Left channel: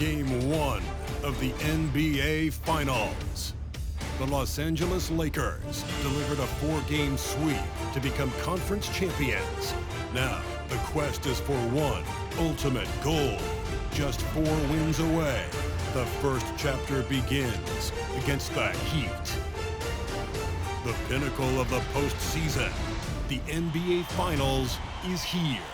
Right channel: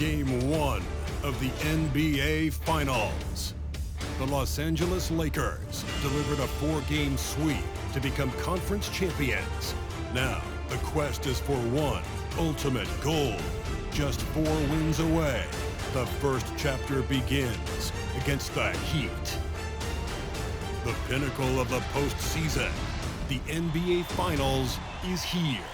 Game 1 of the NBA Finals. The Los Angeles Lakers delivered a 4-game sweep to become conference champions. Now, the quest is for one ultimate goal. Just 4 wins away. The first chapter begins against the Heat. The pinnacle of the postseason, the NBA Finals, is here.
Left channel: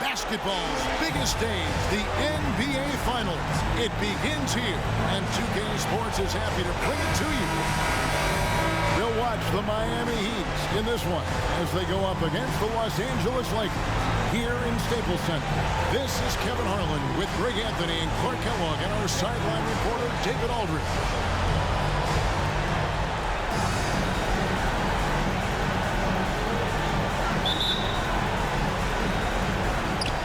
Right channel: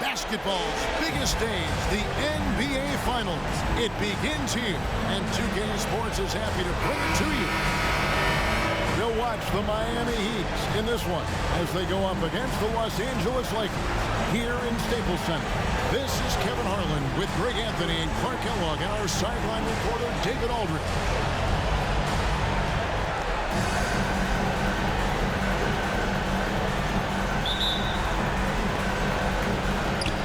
Basketball's biggest stage, the NBA Finals. It begins here, and 2K Sports is happy to bring it to you. We'll watch the Miami Heat in this one as they go up against the Los Angeles Lakers here in Staples Center. This is Kevin Harlan with Greg Anthony and Clark Kellogg and our sideline reporter, David Aldridge.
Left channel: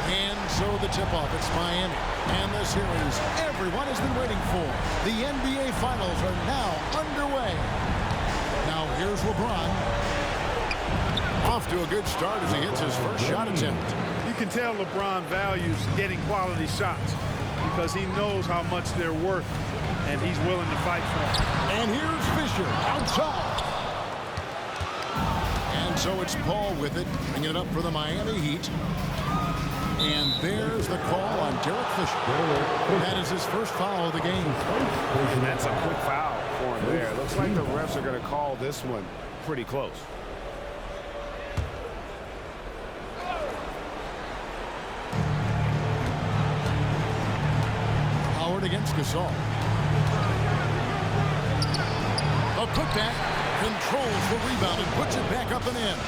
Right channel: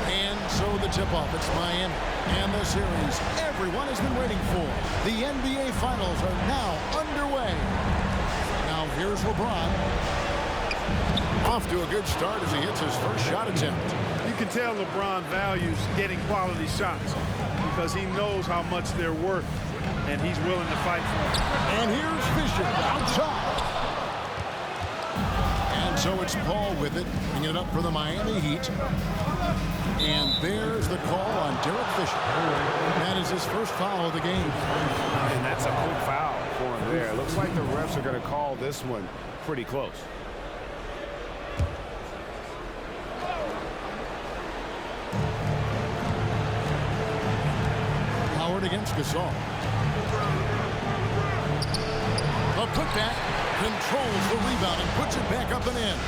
And so the tip-off, it's Miami. And the series everyone has been waiting for. The NBA Finals are now underway. Now here's LeBron. Off to a good start as he hits his first shot attempt. You can tell LeBron values getting quality shots because he knows how much they're worth, and he's willing to fight for them. And here's Fisher outside. And so it's Paul with it, bringing it up for the Miami Heat. And there's the call on Derek Fisher. That is his first foul of the game. And that's a quick foul for him there. Looks like the refs are going to call this one pretty close. Howard against Gasol. The putback controls the rebound and puts it back up and in.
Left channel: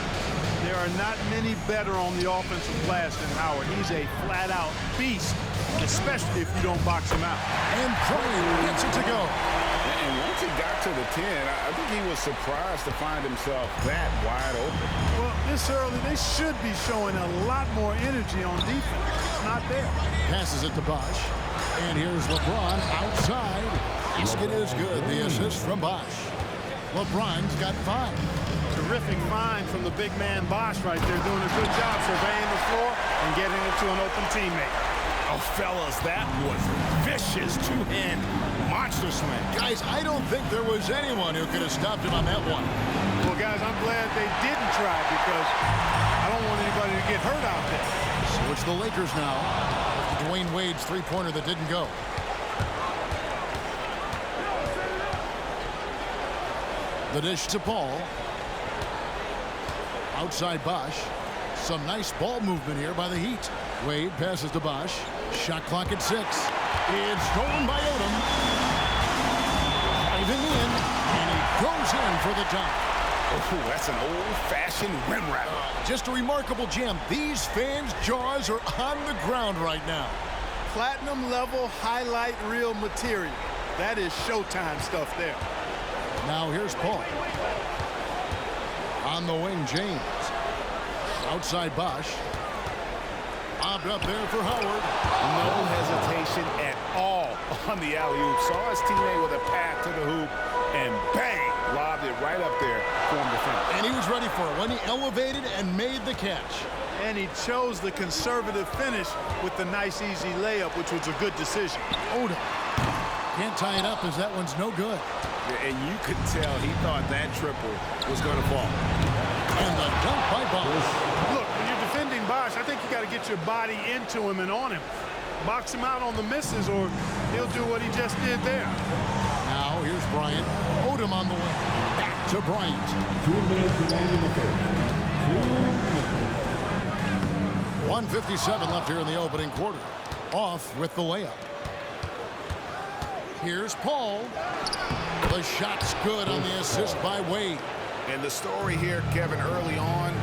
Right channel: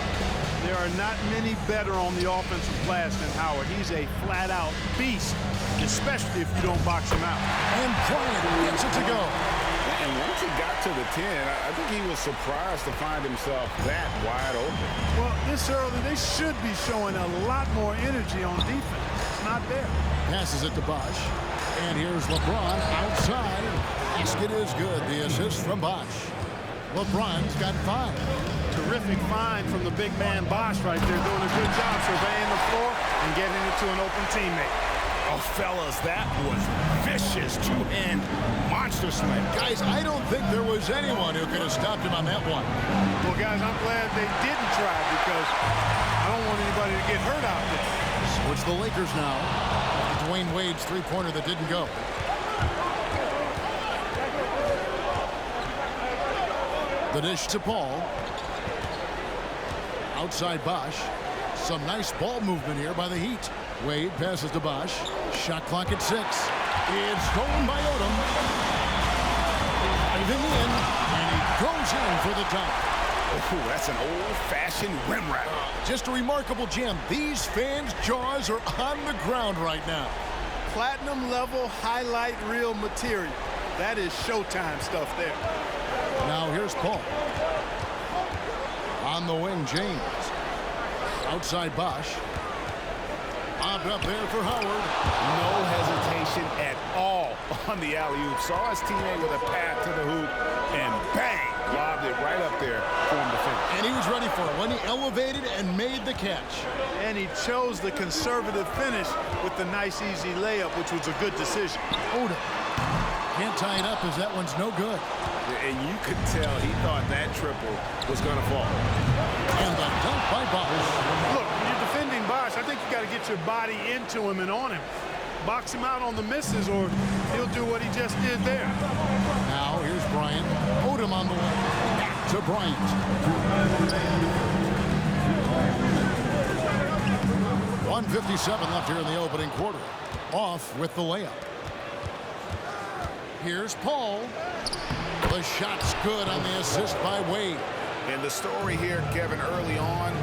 There are not many better on the offensive glass than Howard. He's a flat-out beast, especially if you don't box him out. And Bryant gets it to go. And once he got to the 10, I think he was surprised to find himself that wide open. Well, this early, they should be showing a lot more energy on defense. It's not there. Passes it to Bosh. And here's LeBron outside. Basket is good. The assist from Bosh. LeBron's got 5. Terrific find from the big man Bosh right there, doing a good job surveying the floor and getting it to an open teammate. Oh, fellas, that was vicious two-hand monster slam. Guys, I don't think there was anyone who could have stopped him on that one. Well, guys, I'm glad they didn't try because I don't want anybody to get hurt out there. So it's the Lakers now after Dwayne Wade's three-pointer that didn't go. The dish to Paul. Outside Bosh. Some nice ball movement here by the Heat. Wade passes to Bosh. Shot clock at 6. It's stolen by Odom. Driving in, and he goes in for the dunk. Oh, that's an old-fashioned rim wrap. Just a remarkable jam. These fans' jaws are on the ground right now. Platinum level highlight reel material. That is Showtime stuff there. Now here's Paul. On the wing, James. Outside Bosh. Bobbed up there for Howard. No hesitation at all on the alley-oop. Saw his teammate with a path to the hoop, and bang, lobbed it right up there for him to finish. And he was ready for it when he elevated and made the catch. And he chose the conservative finish with the nice, easy layup, which was a good decision. Odom can't tie it up as that one's no good. And you could tell he thought that triple was going to fall. And the dunk by Bosh. Look, when you're defending Bosh, I think you got to get your body into him and on him. Box him out on the misses, or he'll do what he just did there. Now here's Bryant. Odom on the way. Back to Bryant. 1:57 left here in the opening quarter. Off with the layup. Here's Paul. The shot's good on the assist by Wade. And the story here, Kevin, early on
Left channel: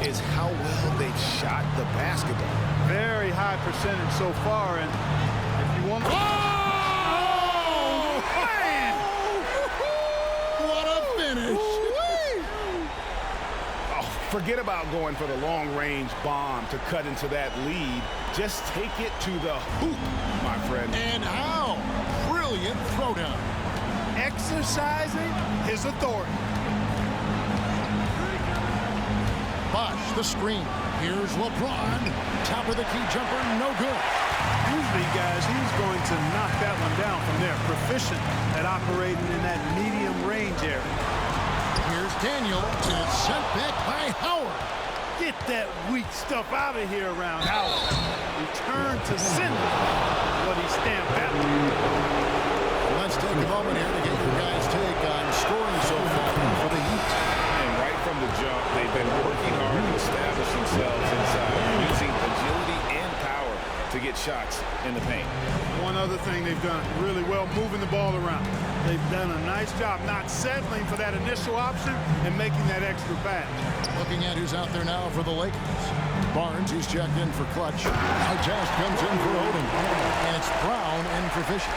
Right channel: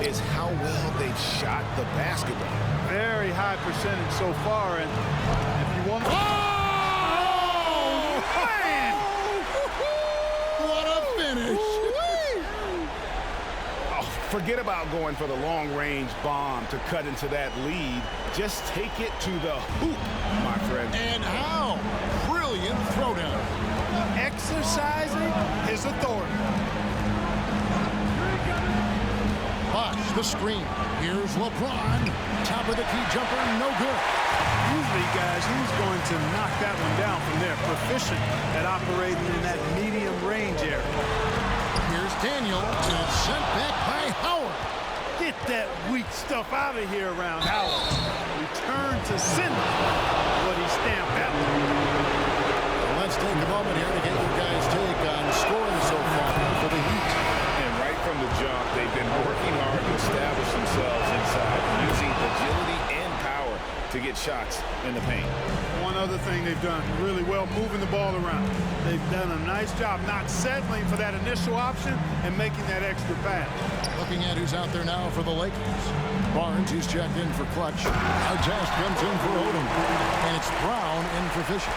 is how well they've shot the basketball. Very high percentage so far, and if you want to... Oh! Man! What a finish! Oh, forget about going for the long-range bomb to cut into that lead. Just take it to the hoop, my friend. And how? Brilliant throwdown. Exercising his authority. Bosh, the screen. Here's LeBron. Top of the key jumper, no good. Usually, guys, he's going to knock that one down from there. Proficient at operating in that medium range area. Here's Daniel, and it's sent back by Howard. Get that weak stuff out of here around Howard. Return to sender. What he stamped out. Let's take a moment here to get your guys' take on scoring so far for the Heat. And right from the jump, they've been working hard to establish themselves inside, using agility and power to get shots in the paint. One other thing they've done really well, moving the ball around. They've done a nice job not settling for that initial option and making that extra pass. Looking at who's out there now for the Lakers. Barnes, he's checked in for clutch. Artest comes in for Odom. And it's Brown in for Fisher.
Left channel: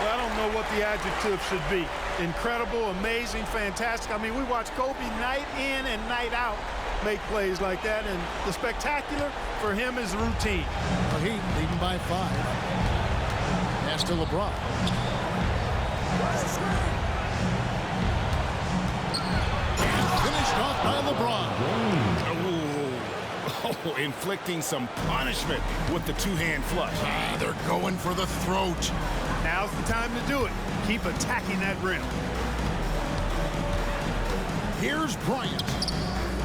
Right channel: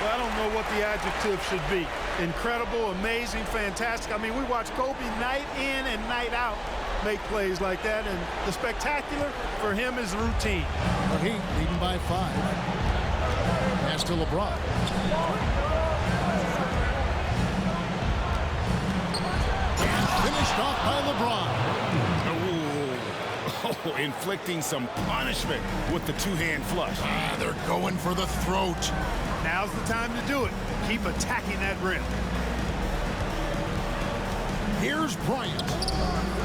Well, I don't know what the adjective should be. Incredible, amazing, fantastic. I mean, we watch Kobe night in and night out make plays like that, and the spectacular for him is routine. The Heat leading by 5. Pass to LeBron. And finished off by LeBron. Oh, inflicting some punishment with the two-hand flush. They're going for the throat. Now's the time to do it. Keep attacking that rim. Here's Bryant.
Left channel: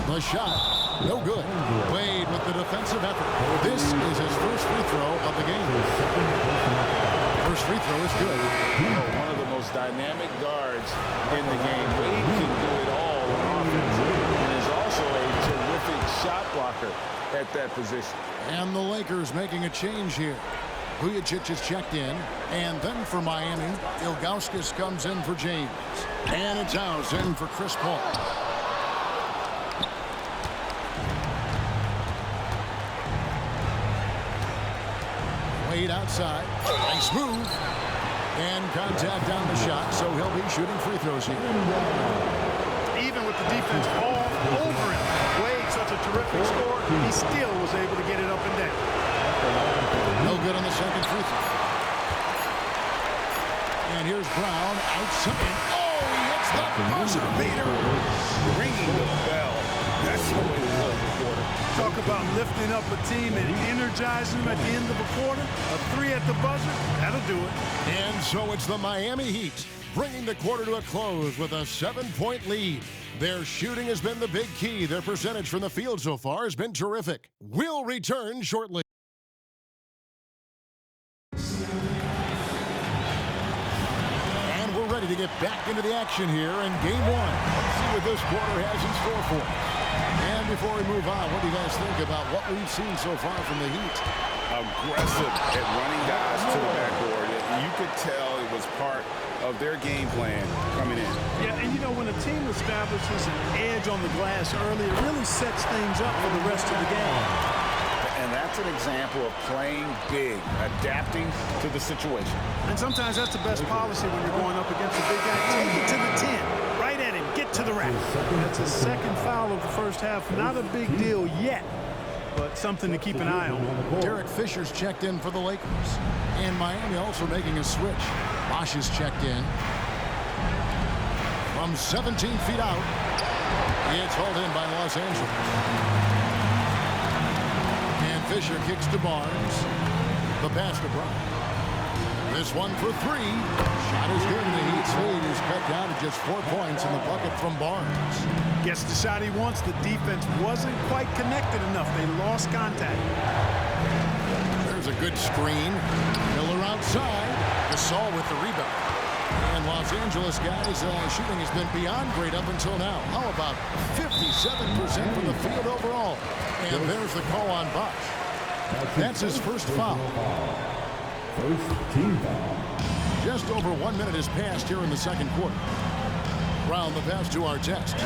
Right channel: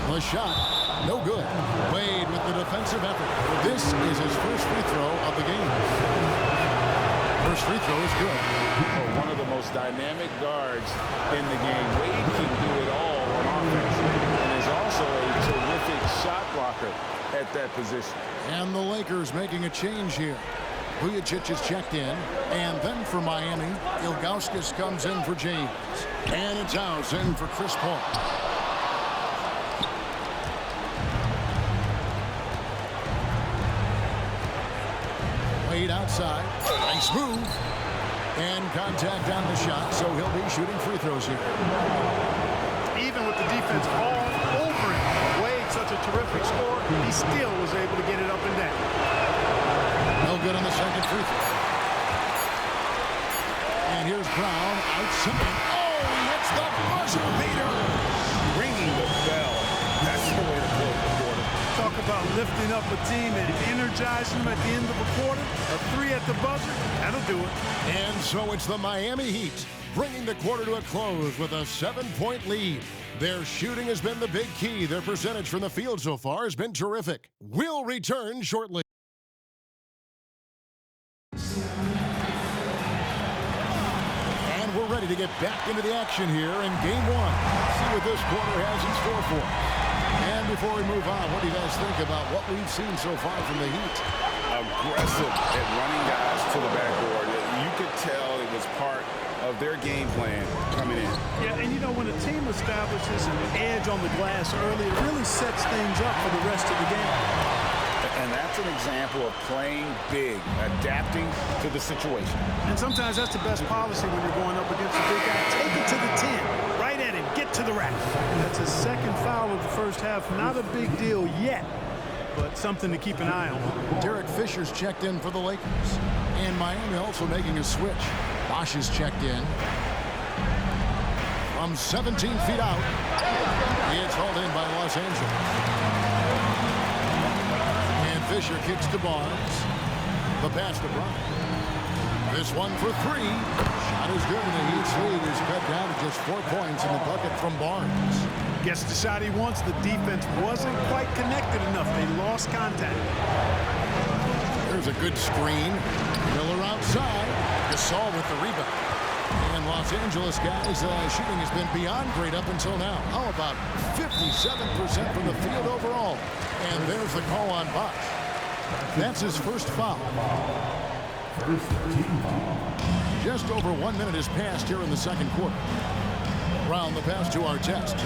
The shot, no good. Wade with the defensive effort. This is his first free throw of the game. First free throw is good. Oh, one of the most dynamic guards in the game. Wade can do it all on offense and is also a terrific shot blocker at that position. And the Lakers making a change here. Vujicic is checked in, and then for Miami, Ilgauskas comes in for James. And it's House in for Chris Paul. Wade outside. Nice move. And contact on the shot, so he'll be shooting free throws here. Even with the defense all over him, Wade, such a terrific scorer, he still was able to get it up and down. No good on the second free throw. And here's Brown outside. Oh, he hits the buzzer beater. Ringing the bell. That's the way to close the quarter. Talk about lifting up a team and energizing them at the end of a quarter. A 3 at the buzzer, that'll do it. And so it's the Miami Heat bringing the quarter to a close with a 7-point lead. Their shooting has been the big key. Their percentage from the field so far has been terrific. We'll return shortly. And we're ready to get back into the action here in game 1. Let's see what this quarter has in store for us. And before we move on, what do you guys think about what we've seen so far from the Heat? Aggressive at running guys to the backboard. You could tell it was part of their game plan coming in. Yeah, and you know, when a team establishes an edge on the glass early, it really sets things up for the rest of the game. And that's an example of playing big, adapting to the situation. And sometimes that's the best policy when you're going up against a big guy. Take it to the 10, right at him, get to the rack. That's his second foul of the first half. Not a big deal yet, but something to keep an eye on. Derek Fisher's checked in for the Lakers. And Miami also making a switch. Bosch is checked in. From 17 feet out, it's hauled in by Los Angeles. And Fisher kicks to Barnes. The pass to Brown. This one for 3. Shot is good, and the Heat's lead is cut down to just 4 points in the bucket from Barnes. Gets the shot he wants. The defense wasn't quite connected enough. They lost contact. There's a good screen. Miller outside. Gasol with the rebound. And Los Angeles guys, shooting has been beyond great up until now. How about 57% from the field overall? And there's the call on Bosch. That's his first foul. First team foul. Just over 1 minute has passed here in the second quarter. Brown the pass to Artest.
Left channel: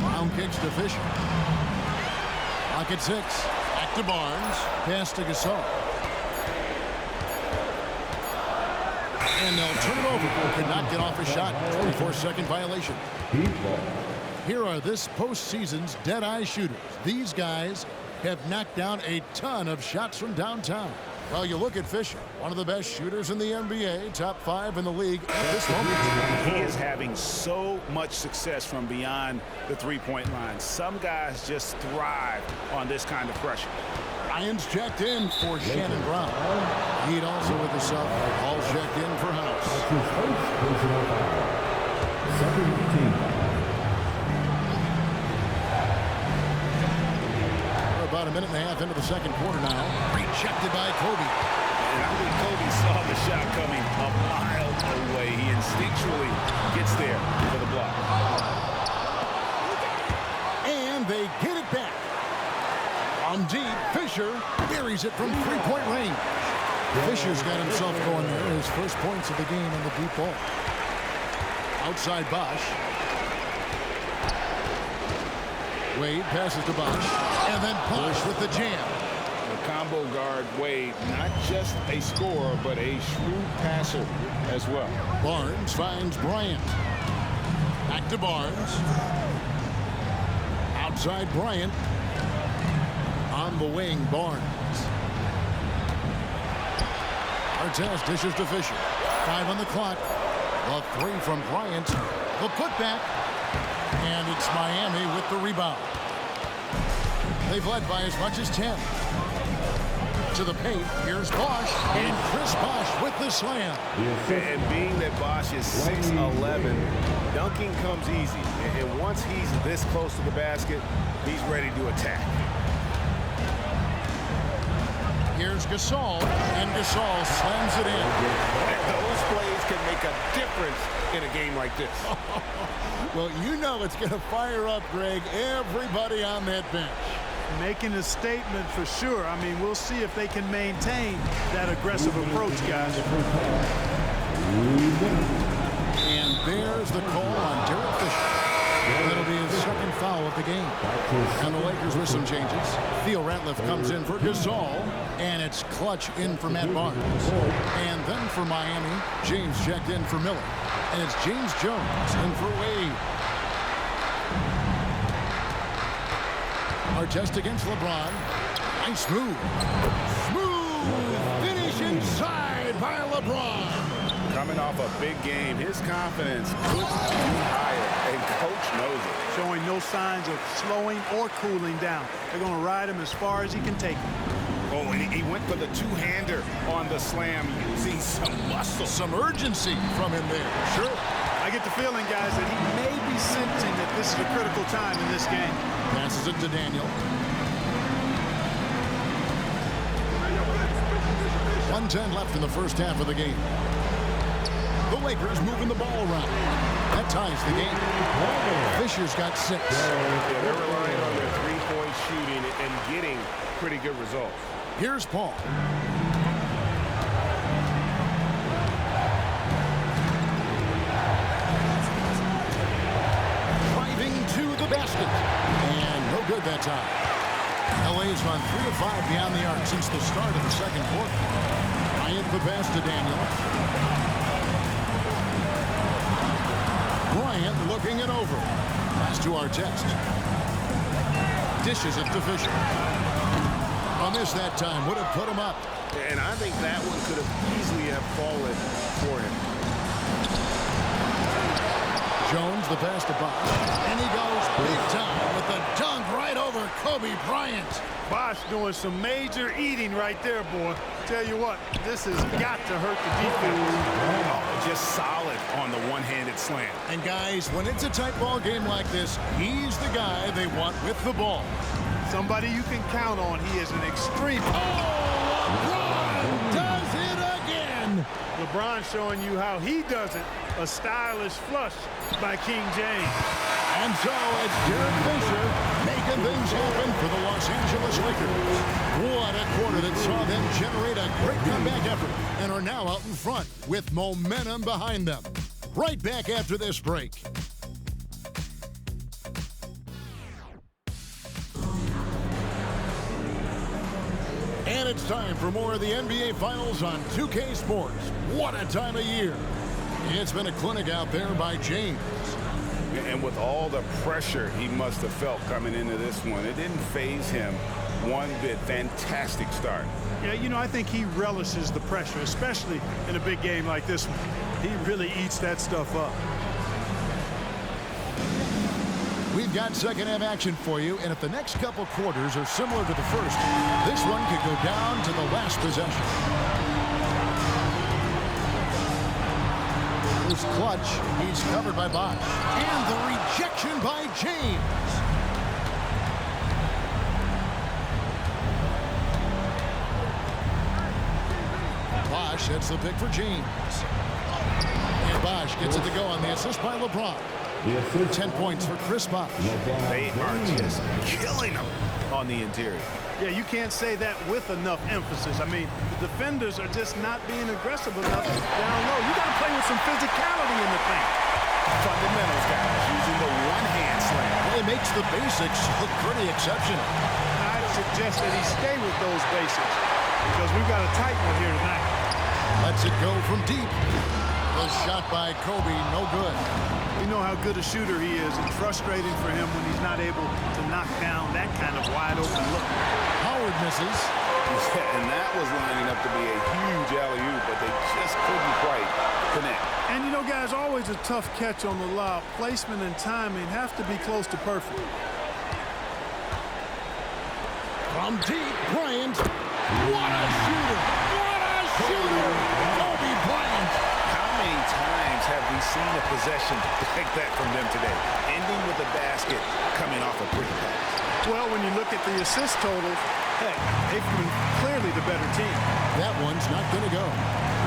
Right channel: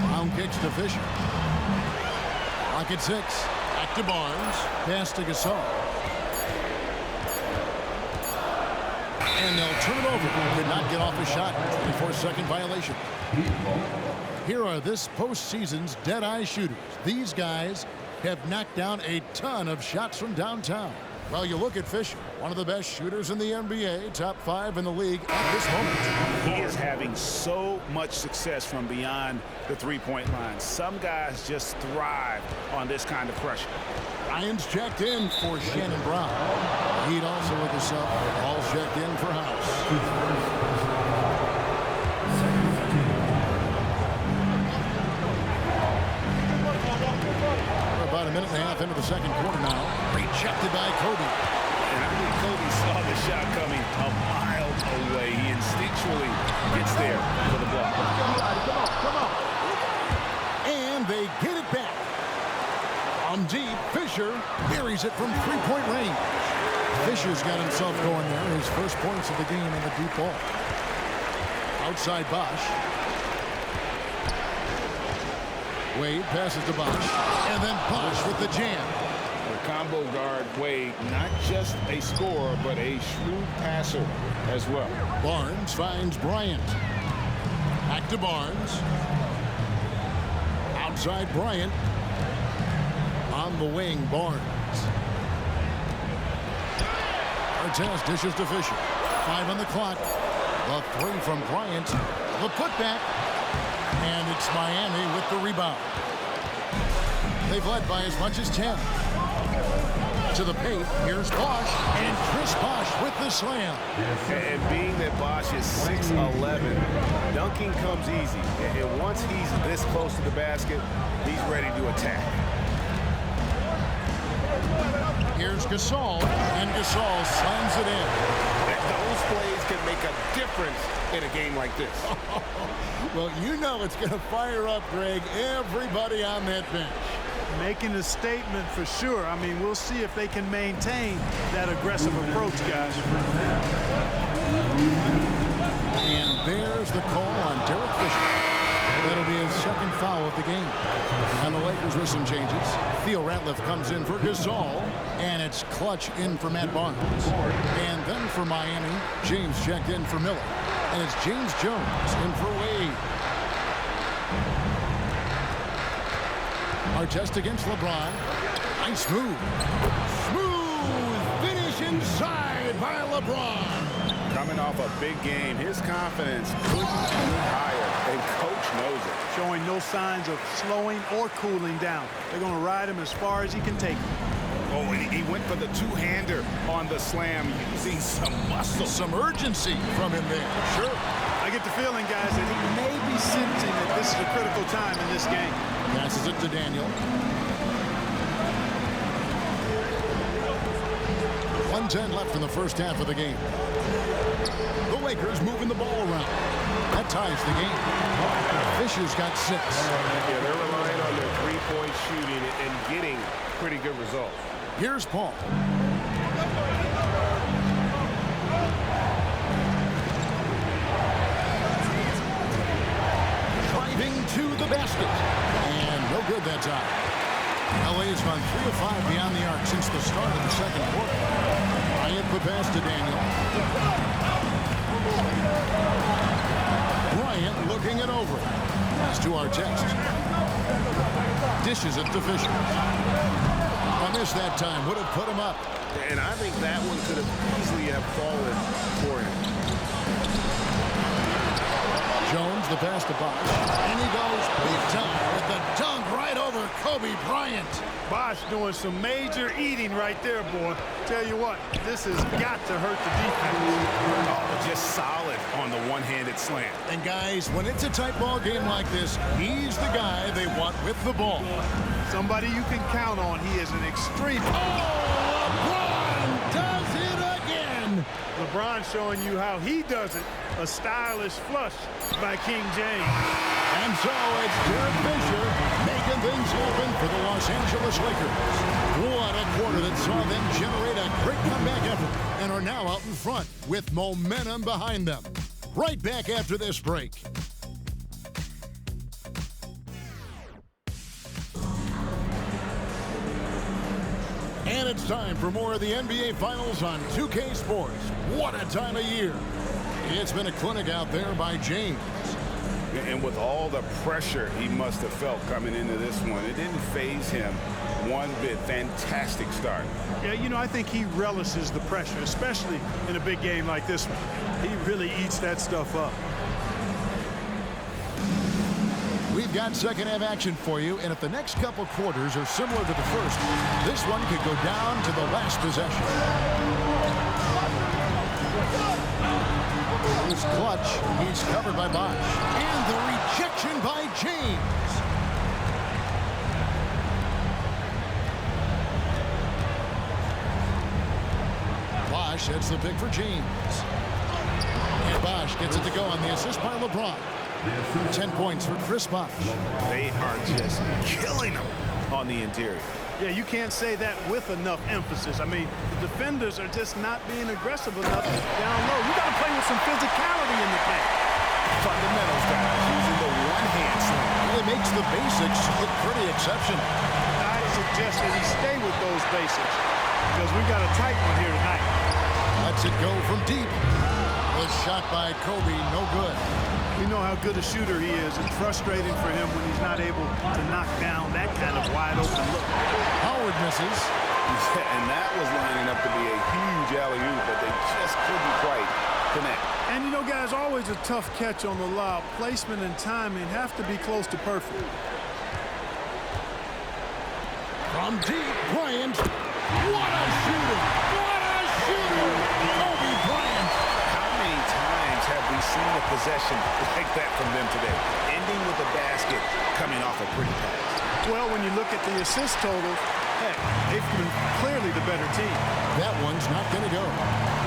Brown kicks to Fisher. Clock at 6. Back to Barnes. Pass to Gasol. And they'll turn it over. Could not get off a shot. 24-second violation. Here are this postseason's dead-eye shooters. These guys have knocked down a ton of shots from downtown. Well, you look at Fisher, one of the best shooters in the NBA, top 5 in the league at this moment. He is having so much success from beyond the three-point line. Some guys just thrive on this kind of pressure. Ryan's checked in for Shannon Brown. Heat also with the sub. All checked in for House. We're about a minute and a half into the second quarter now. Rejected by Kobe. And I think Kobe saw the shot coming a mile away. He instinctually gets there for the block. And they get it back. From deep, Fisher buries it from three-point range. Fisher's got himself going there. His first points of the game in the deep ball. Outside Bosch. Wade passes to Bosch. And then Bosch with the jam. The combo guard, Wade, not just a scorer, but a shrewd passer as well. Barnes finds Bryant. Back to Barnes. Outside Bryant. On the wing, Barnes. Artest dishes to Fisher. 5 on the clock. The 3 from Bryant. The putback. And it's Miami with the rebound. They've led by as much as 10. To the paint, here's Bosch, and Chris Bosch with the slam. And being that Bosch is 6'11", dunking comes easy. And once he's this close to the basket, he's ready to attack. Here's Gasol, and Gasol slams it in. Those plays can make a difference in a game like this. Well, you know it's going to fire up, Greg, everybody on that bench. Making a statement for sure. I mean, we'll see if they can maintain that aggressive approach, guys. And there's the call on Derek Fisher. That'll be his second foul of the game. And the Lakers with some changes. Theo Ratliff comes in for Gasol. And it's Clutch in for Matt Barnes. And then for Miami, James checked in for Miller. And it's James Jones in for Wade. Artest against LeBron. Nice move. Smooth finish inside by LeBron. Coming off a big game, his confidence couldn't be higher, and coach knows it. Showing no signs of slowing or cooling down. They're going to ride him as far as he can take him. Oh, and he went for the two-hander on the slam, using some muscle. Some urgency from him there. Sure. I get the feeling, guys, that he may be sensing that this is a critical time in this game. Passes it to Daniel. 1:10 left in the first half of the game. The Lakers moving the ball around. That ties the game. Fisher's got 6. Yeah, they're relying on their three-point shooting and getting pretty good results. Here's Paul. Driving to the basket. And no good that time. LA has gone 3 of 5 beyond the arc since the start of the second quarter. Bryant the pass to Daniel. Bryant looking it over. Pass to Artest. Dishes it to Fisher. A miss that time would have put him up. And I think that one could have easily have fallen for him. Jones the pass to Bosch. And he goes big time with the dunk right over Kobe Bryant. Bosch doing some major eating right there, boy. Tell you what, this has got to hurt the defense. Oh, just solid on the one-handed slam. And guys, when it's a tight ball game like this, he's the guy they want with the ball. Somebody you can count on. He is an extreme. Oh, LeBron does it again. LeBron showing you how he does it. A stylish flush by King James. And so it's Derek Fisher making things happen for the Los Angeles Lakers. What a quarter that saw them generate a great comeback effort and are now out in front with momentum behind them. Right back after this break. And it's time for more of the NBA Finals on 2K Sports. What a time of year. It's been a clinic out there by James. And with all the pressure he must have felt coming into this one, it didn't faze him one bit. Fantastic start. Yeah, you know, I think he relishes the pressure, especially in a big game like this one. He really eats that stuff up. We've got second half action for you, and if the next couple quarters are similar to the first, this one could go down to the last possession. Here's Clutch. He's covered by Bosch. And the rejection by James. Bosch heads the pick for James. And Bosch gets it to go on the assist by LeBron. 10 points for Chris Bosch. They are just killing them on the interior. Yeah, you can't say that with enough emphasis. I mean, the defenders are just not being aggressive enough down low. You got to play with some physicality in the paint. Fundamentals, guys, using the one-hand slam. Well, it makes the basics look pretty exceptional. I'd suggest that he stay with those basics because we've got a tight one here tonight. Lets it go from deep. The shot by Kobe, no good. We know how good a shooter he is. It's frustrating for him when he's not able to knock down that kind of wide open look. Howard misses. Yeah, and that was lining up to be a huge alley-oop, but they just couldn't quite connect. And you know, guys, always a tough catch on the lob. Placement and timing have to be close to perfect. From deep, Bryant. What a shooter! What a shooter! Kobe Bryant. How many times have we seen a possession like that from them today? Ending with a basket, coming off a pretty pass. Well, when you look at the assist totals, heck, they've been clearly the better team. That one's not going to go.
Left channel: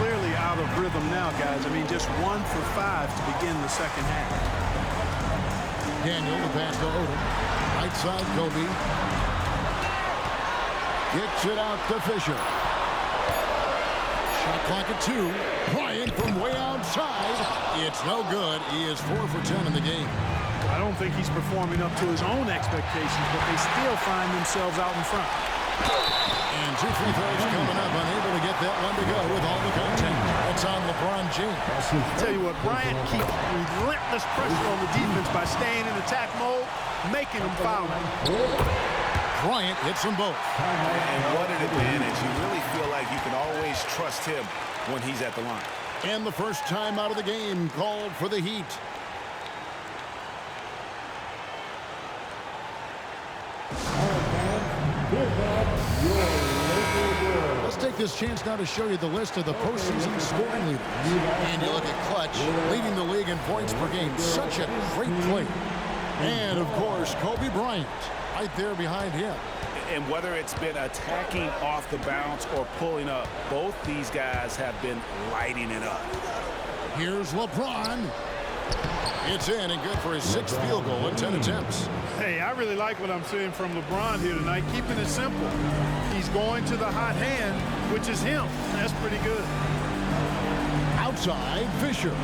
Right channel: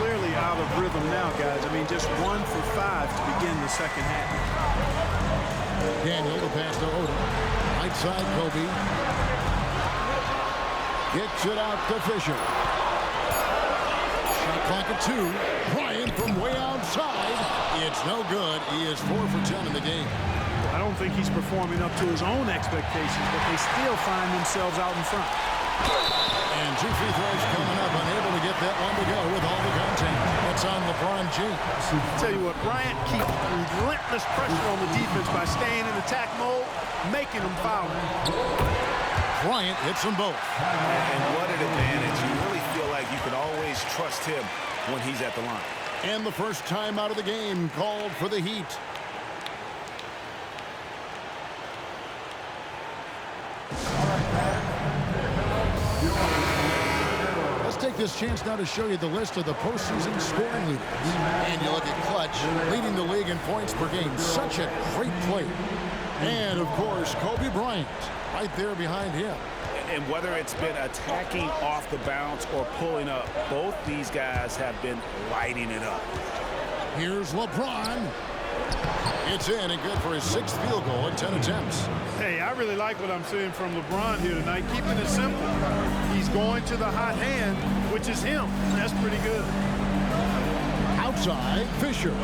Clearly out of rhythm now, guys. I mean, just 1 for 5 to begin the second half. Daniel, the pass to Odom. Right side, Kobe. Kicks it out to Fisher. Shot clock at 2. Bryant from way outside. It's no good. He is 4 for 10 in the game. Well, I don't think he's performing up to his own expectations, but they still find themselves out in front. And 2 free throws coming up. Unable to get that one to go with all the contact. That's on LeBron James. Tell you what, Bryant keeps relentless pressure on the defense by staying in attack mode, making them foul. Bryant hits them both. And what an advantage. You really feel like you can always trust him when he's at the line. And the first time out of the game called for the Heat. Let's take this chance now to show you the list of the postseason scoring leaders. And you look at Clutch, leading the league in points per game. Such a great player. And, of course, Kobe Bryant, right there behind him. And whether it's been attacking off the bounce or pulling up, both these guys have been lighting it up. Here's LeBron. It's in and good for his 6th field goal in 10 attempts. Hey, I really like what I'm seeing from LeBron here tonight, keeping it simple. He's going to the hot hand, which is him. That's pretty good. Outside, Fisher.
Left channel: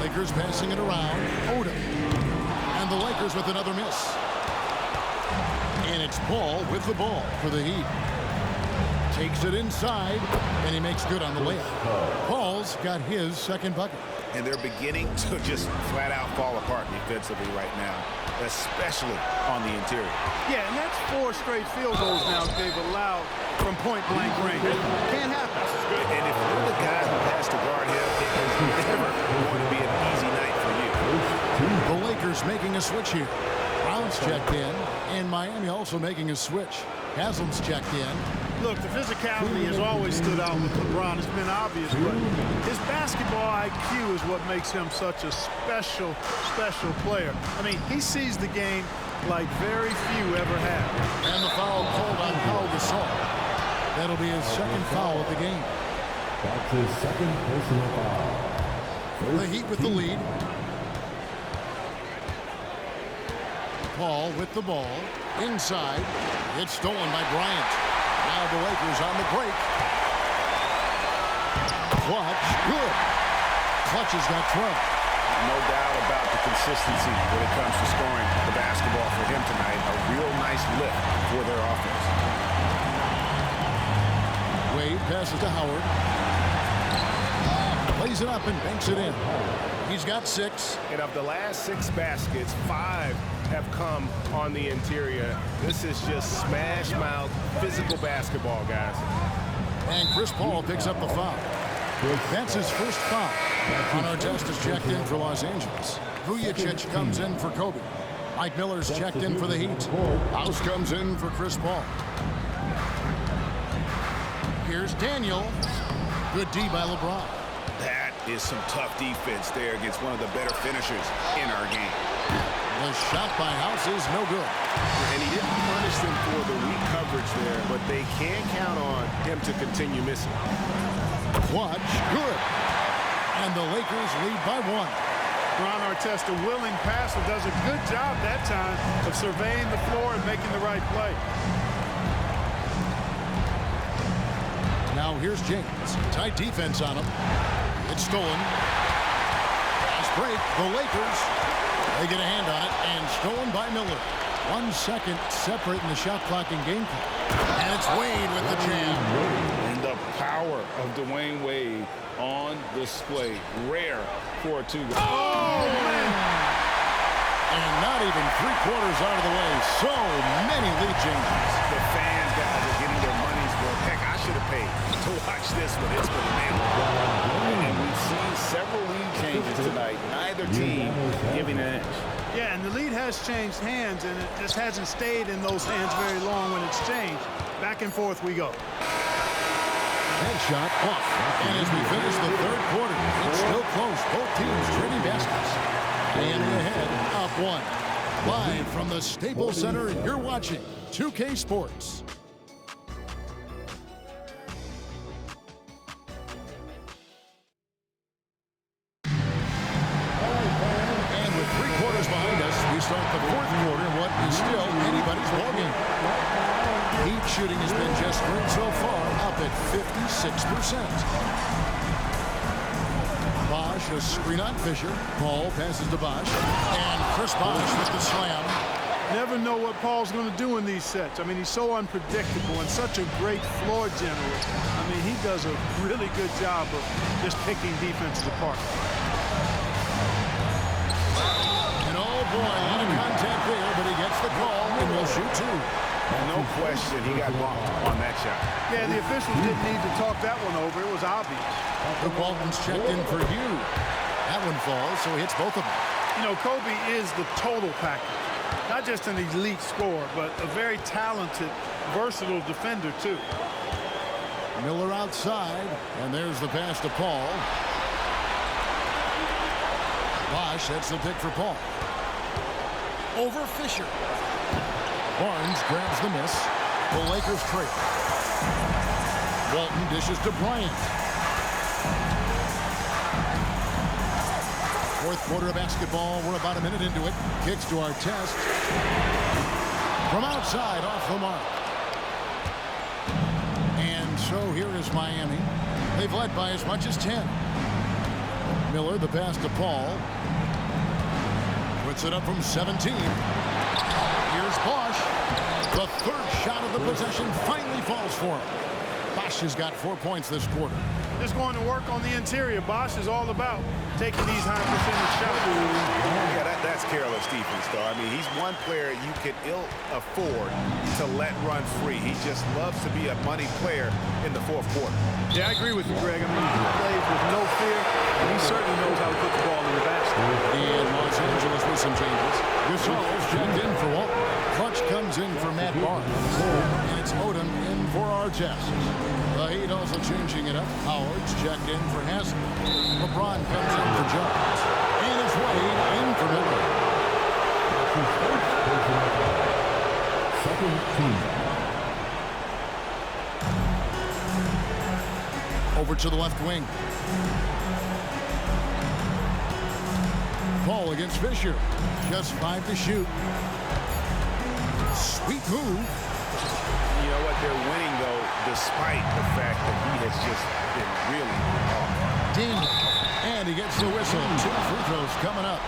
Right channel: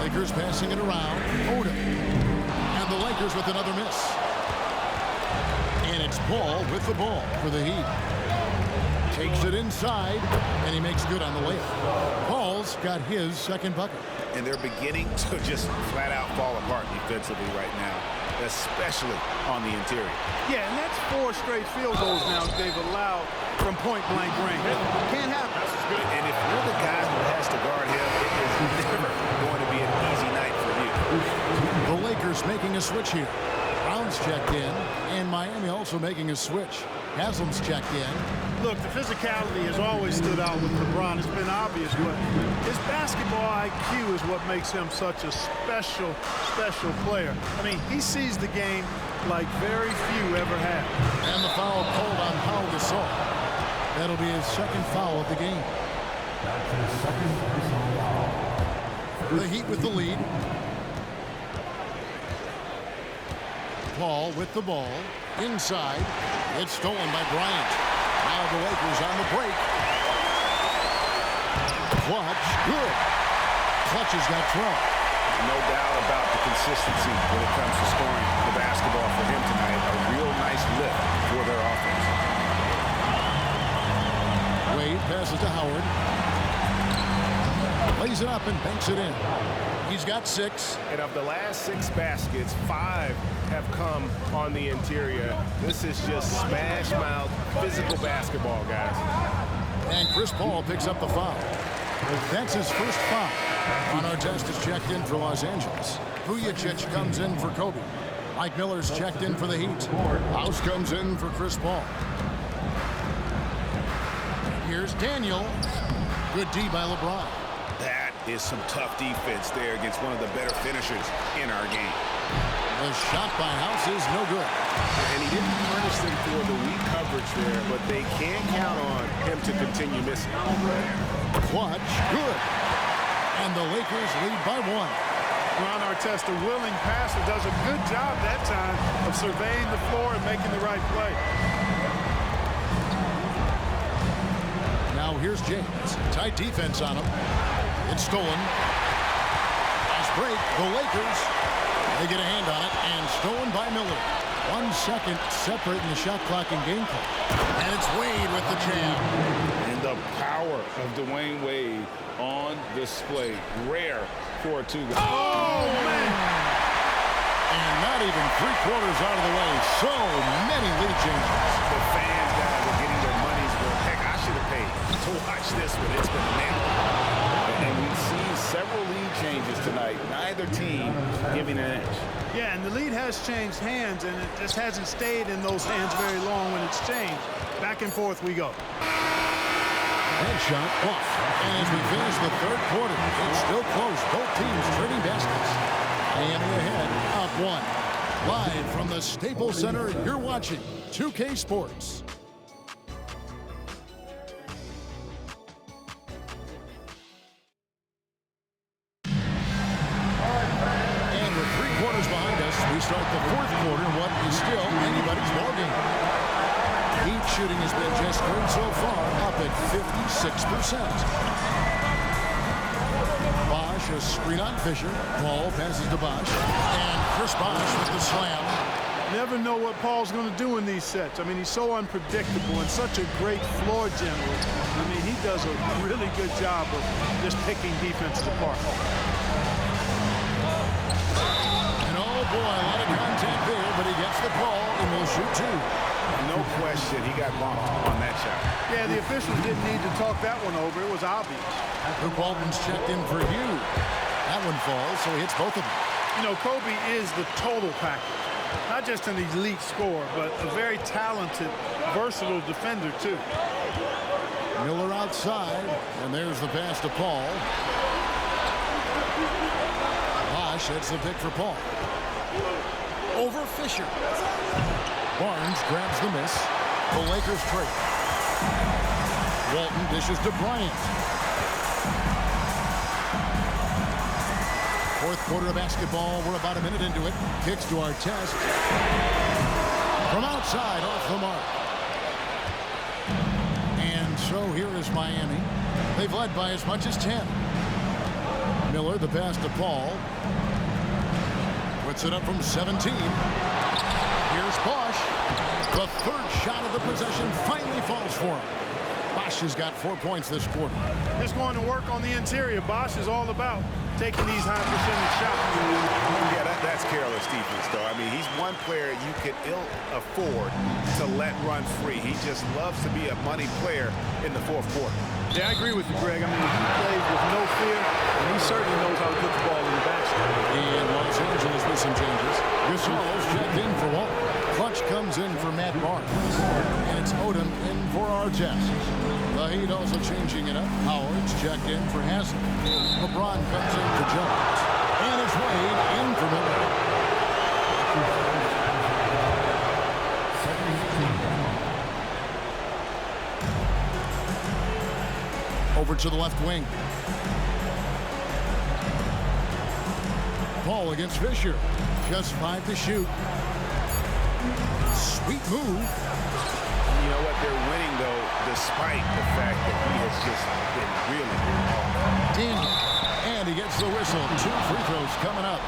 Lakers passing it around. Odom. And the Lakers with another miss. And it's Paul with the ball for the Heat. Takes it inside, and he makes good on the layup. Paul's got his second bucket. And they're beginning to just flat out fall apart defensively right now, especially on the interior. Yeah, and that's 4 straight field goals now they've allowed from point-blank range. Can't happen. And if you're the guy who has to guard him, it is never going to be an easy night for you. The Lakers making a switch here. Brown's checked in, and Miami also making a switch. Haslam's checked in. Look, the physicality has always stood out with LeBron. It's been obvious, but his basketball IQ is what makes him such a special player. I mean, he sees the game like very few ever have. And the foul called on Pau Gasol. That'll be his second foul of the game. That's his second personal foul. The Heat with the lead. Paul with the ball. Inside. It's stolen by Bryant. Now the Lakers on the break. Clutch, good. Clutch has got 12. No doubt about the consistency when it comes to scoring the basketball for him tonight. A real nice lift for their offense. Wade passes to Howard. Lays it up and banks it in. He's got 6. And of the last 6 baskets, 5 have come on the interior. This is just smash mouth physical basketball, guys. And Chris Paul picks up the foul. That's his first foul. On our test is checked in for Los Angeles. Vujacic comes in for Kobe. Mike Miller's checked in for the Heat. House comes in for Chris Paul. Here's Daniel. Good D by LeBron. That is some tough defense there against one of the better finishers in our game. The shot by House is no good. And he didn't punish them for the weak coverage there, but they can't count on him to continue missing. Clutch, good. And the Lakers lead by 1. Ron Artest, a willing passer, does a good job that time of surveying the floor and making the right play. Now here's James. Tight defense on him. It's stolen. Nice break. The Lakers, they get a hand on it, and stolen by Miller. 1 second separating the shot clock and game clock. And it's Wade with the jam. And the power of Dwayne Wade on display. Rare for a 2-guy. Oh, man. And not even 3/4 out of the way. So many lead changes. The fans, guys, are getting their money's worth. Heck, I should have paid to watch this one. It's been a nail. And we've seen several lead changes tonight. Neither team giving an inch. Yeah, and the lead has changed hands, and it just hasn't stayed in those hands very long when it's changed. Back and forth we go. That shot off. And as we finish the 3rd quarter, it's still close. Both teams trading baskets. Miami ahead, up 1. Live from the Staples Center, you're watching 2K Sports. And with 3 quarters behind us, we start the 4th quarter in what is still anybody's ballgame. Heat shooting has been just great so far, up at 56%. Bosh, a screen on Fisher. Paul passes to Bosh. And Chris Bosh with the slam. Never know what Paul's going to do in these sets. I mean, he's so unpredictable and such a great floor general. I mean, he does a really good job of just picking defenses apart. And oh boy, a lot of contact there, but he gets the call and will shoot 2. No question, he got bumped on that shot. Yeah, the officials didn't need to talk that one over. It was obvious. Luke Walton's checked in for Hugh. That one falls, so he hits both of them. You know, Kobe is the total package. Not just an elite scorer, but a very talented, versatile defender, too. Miller outside, and there's the pass to Paul. Bosh, that's the pick for Paul. Over Fisher. Barnes grabs the miss. The Lakers trail. Walton dishes to Bryant. 4th quarter of basketball. We're about a minute into it. Kicks to our test. From outside, off the mark. And so here is Miami. They've led by as much as 10. Miller, the pass to Paul. Puts it up from 17. Here's Bosh. The 3rd shot of the possession finally falls for him. Bosh has got 4 points this quarter. Just going to work on the interior. Bosh is all about taking these high percentage shots. Yeah, that's careless defense, though. I mean, he's one player you could ill afford to let run free. He just loves to be a money player in the 4th quarter. Yeah, I agree with you, Greg. I mean, he plays with no fear, and he certainly knows how to put the ball in the basket. And Los Angeles with some changes. Gasol's checked in for Walton. Clutch comes in for Matt Barnes. And it's Odom in for Artest. The Heat also changing it up. Howard's checked in for Haslem. LeBron comes in for Jones. And it's Wade in for Miller. Second team. Over to the left wing. Paul against Fisher. Just 5 to shoot. Sweet move. You know what? They're winning, though, despite the fact that he has just been really off. Daniel. And he gets the whistle. 2 free throws coming up.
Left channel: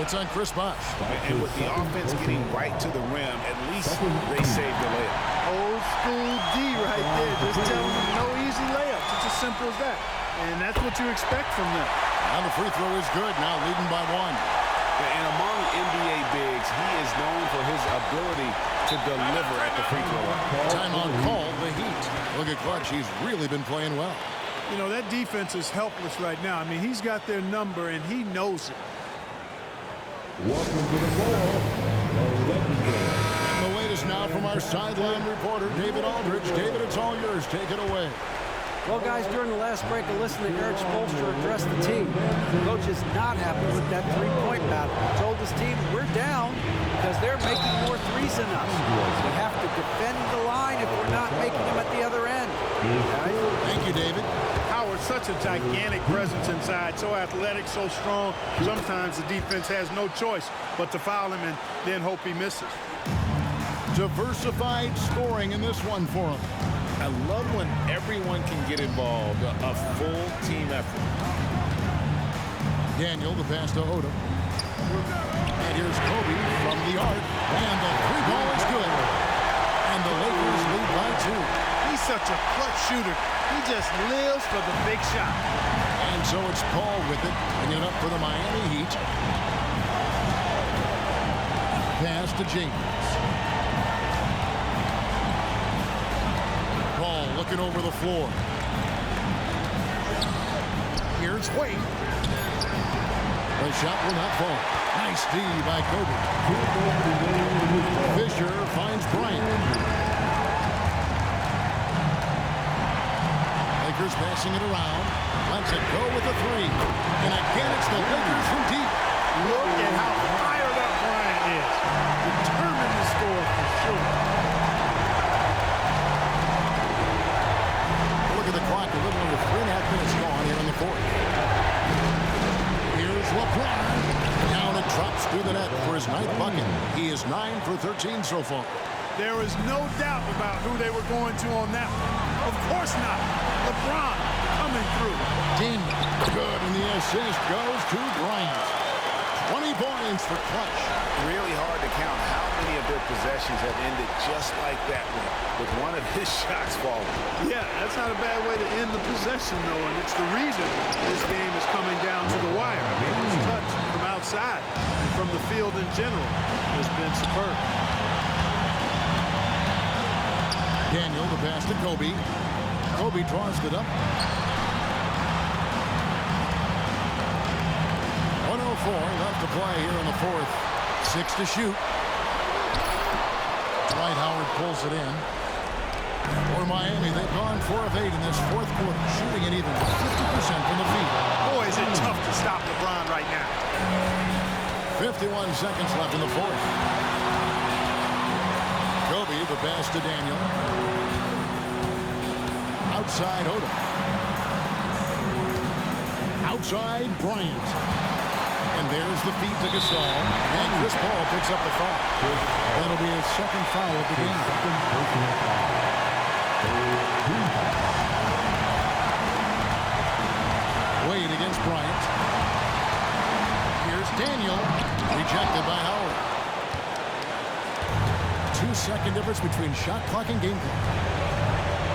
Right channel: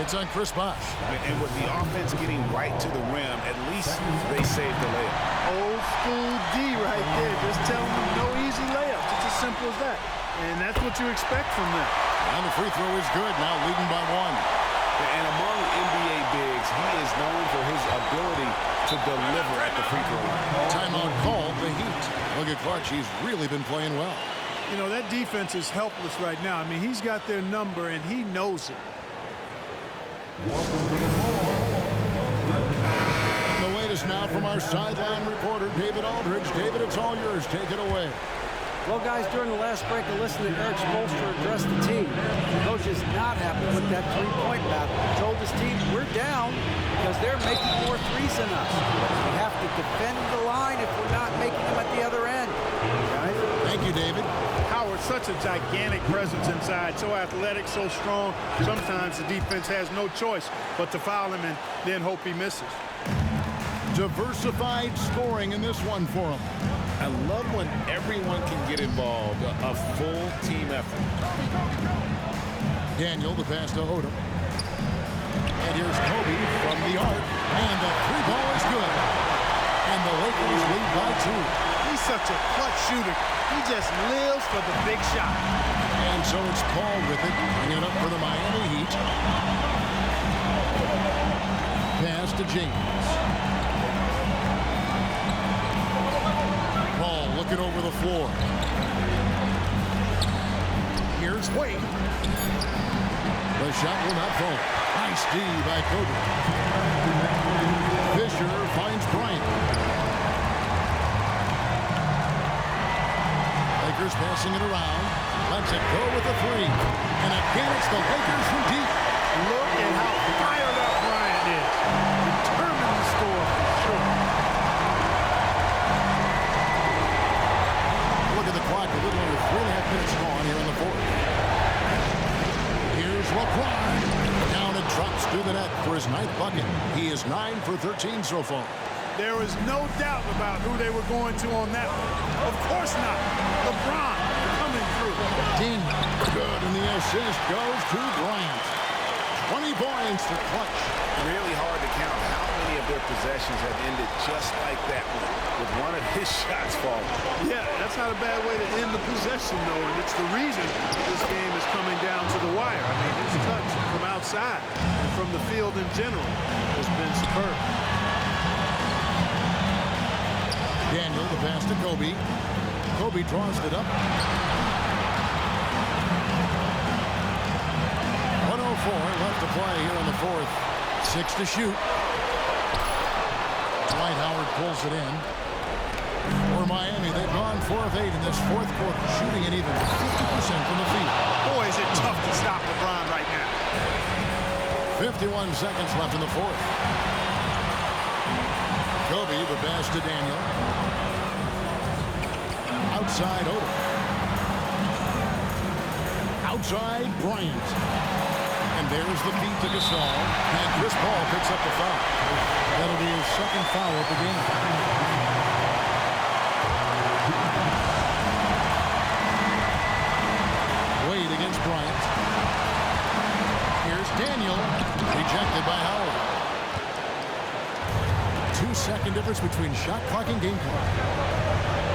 It's on Chris Bosh. And with the offense getting right to the rim, at least they saved the layup. Old school D right there. Just telling them no easy layups. It's as simple as that. And that's what you expect from them. And the free throw is good. Now leading by 1. And among NBA bigs, he is known for his ability to deliver at the free throw line. Timeout called the Heat. Look at Clutch. He's really been playing well. You know, that defense is helpless right now. I mean, he's got their number, and he knows it. And the latest now from our sideline reporter, David Aldridge. David, it's all yours. Take it away. Well, guys, during the last break, I listened to Eric Spoelstra address the team. The coach is not happy with that three-point battle. He told his team, we're down because they're making more threes than us. We have to defend the line if we're not making them at the other end. Guys? Thank you, David. Howard, such a gigantic presence inside, so athletic, so strong. Sometimes the defense has no choice but to foul him and then hope he misses. Diversified scoring in this one for him. I love when everyone can get involved, a full team effort. Daniel, the pass to Odom. And here's Kobe from the arc. And the three ball is good. And the Lakers lead by 2. He's such a clutch shooter. He just lives for the big shot. And so it's Paul with it, bringing it up for the Miami Heat. Pass to James. Paul looking over the floor. Here's Wade. The shot will not fall. Nice D by Kobe. Fisher finds Bryant. Lakers passing it around. Lets it go with a 3. And again, it's the Lakers from deep. Look at how fired up Bryant is. Determined to score for sure. Look at the clock, a little under 3.5 minutes gone here in the 4th. Here's LeBron. Down and drops through the net for his 9th bucket. He is 9 for 13 so far. There was no doubt about who they were going to on that one. Of course not. LeBron coming through. Daniel. Good, and the assist goes to Bryant. 20 points for Clutch. Really hard to count how many of their possessions have ended just like that one, with one of his shots falling. Yeah, that's not a bad way to end the possession, though, and it's the reason this game is coming down to the wire. I mean, his touch from outside and from the field in general has been superb. Daniel, the pass to Kobe. Kobe draws it up. 1:04 left to play here in the 4th. 6 to shoot. Dwight Howard pulls it in. For Miami, they've gone 4 of 8 in this 4th quarter, shooting an even 50% from the field. Boy, is it tough to stop LeBron right now. 51 seconds left in the 4th. Kobe, the pass to Daniel. Outside Odom. Outside Bryant. And there's the feed to Gasol. And Chris Paul picks up the foul. That'll be his 2nd foul of the game. Wade against Bryant. Here's Daniel. Rejected by Howard. 2-second difference between shot clock and game clock.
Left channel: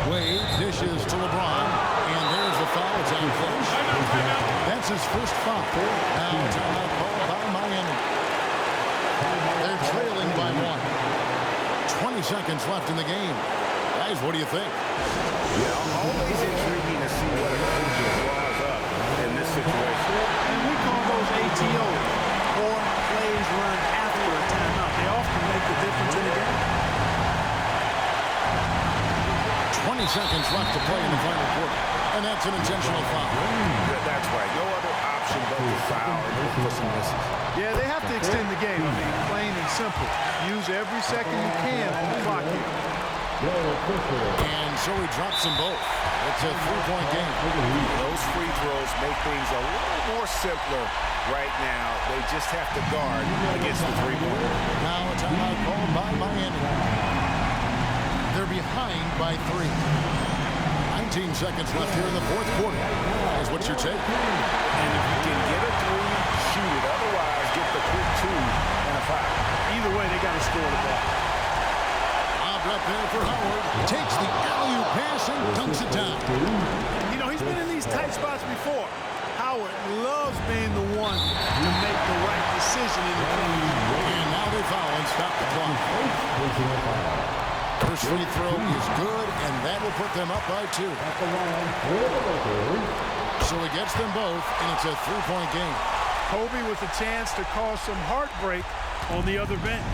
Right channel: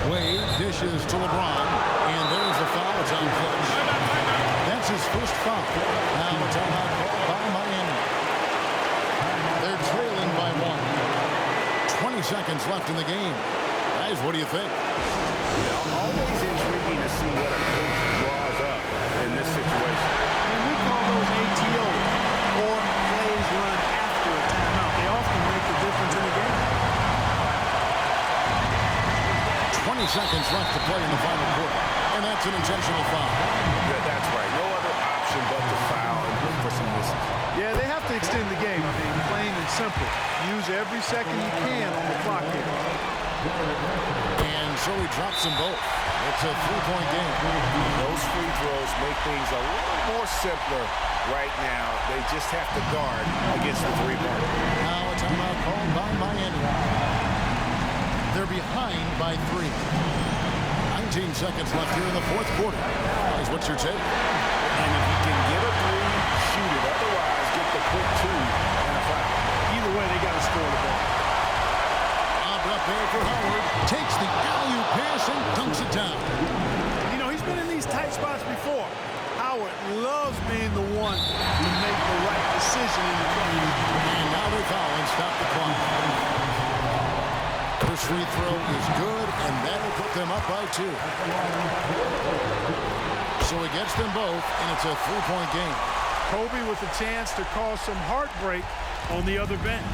Wade dishes to LeBron, and there's the foul. It's on Clutch. That's his first foul. Now a timeout called by Miami. They're trailing by 1. 20 seconds left in the game. Guys, what do you think? Yeah, always intriguing to see what a coach draws up in this situation. And we call those ATOs, or plays run after a timeout. They often make the difference in a game. 20 seconds left to play in the final quarter. And that's an intentional foul. That's right. No other option but to foul and look for some misses. Yeah, they have to extend the game. I mean, plain and simple. Use every second you can on the clock here. And so he drops them both. It's a 3-point game. Those free throws make things a little more simpler right now. They just have to guard against the 3-point. Now a timeout called by Miami. They're behind by 3. 19 seconds left here in the 4th quarter. Guys, what's your take? And if you can get a 3, shoot it. Otherwise, get the quick 2 and a foul. Either way, they got to score the ball. Lobbed up there for Howard. Takes the alley-oop pass and dunks it down. And, you know, he's been in these tight spots before. Howard loves being the one to make the right decision in the clutch. And now they foul and stop the clock. First free throw is good, and that will put them up by 2. So he gets them both, and it's a 3-point game. Kobe with a chance to cause some heartbreak on the other bench.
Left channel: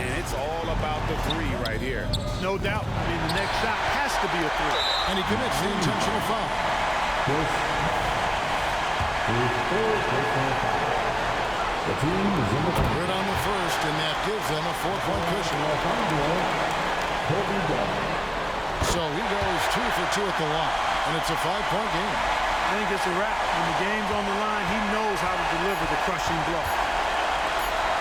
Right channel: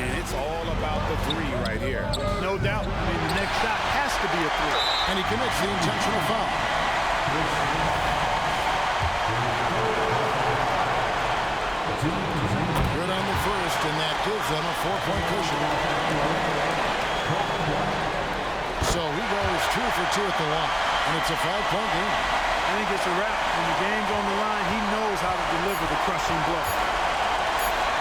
And it's all about the 3 right here. No doubt. I mean, the next shot has to be a 3. And he commits the intentional foul. Good on the first, and that gives them a 4-point cushion. So he goes 2 for 2 at the line, and it's a 5-point game. I think it's a wrap. When the game's on the line, he knows how to deliver the crushing blow.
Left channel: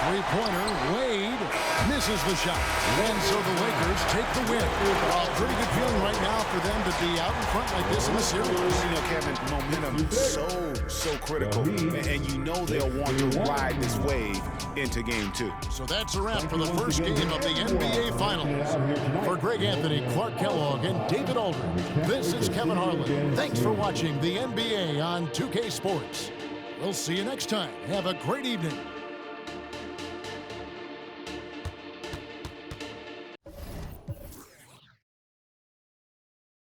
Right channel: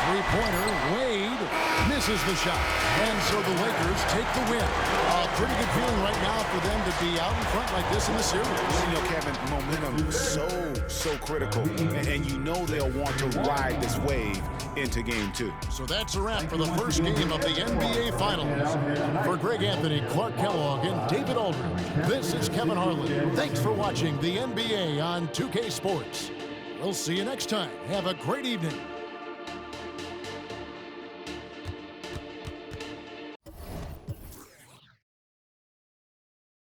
Three-pointer, Wade misses the shot. And so the Lakers take the win. A pretty good feeling right now for them to be out in front like this in the series. You know, Kevin, momentum so critical. And you know they'll want to ride this wave into game 2. So that's a wrap for the first game of the NBA Finals. For Greg Anthony, Clark Kellogg, and David Aldridge, this is Kevin Harlan. Thanks for watching the NBA on 2K Sports. We'll see you next time. Have a great evening.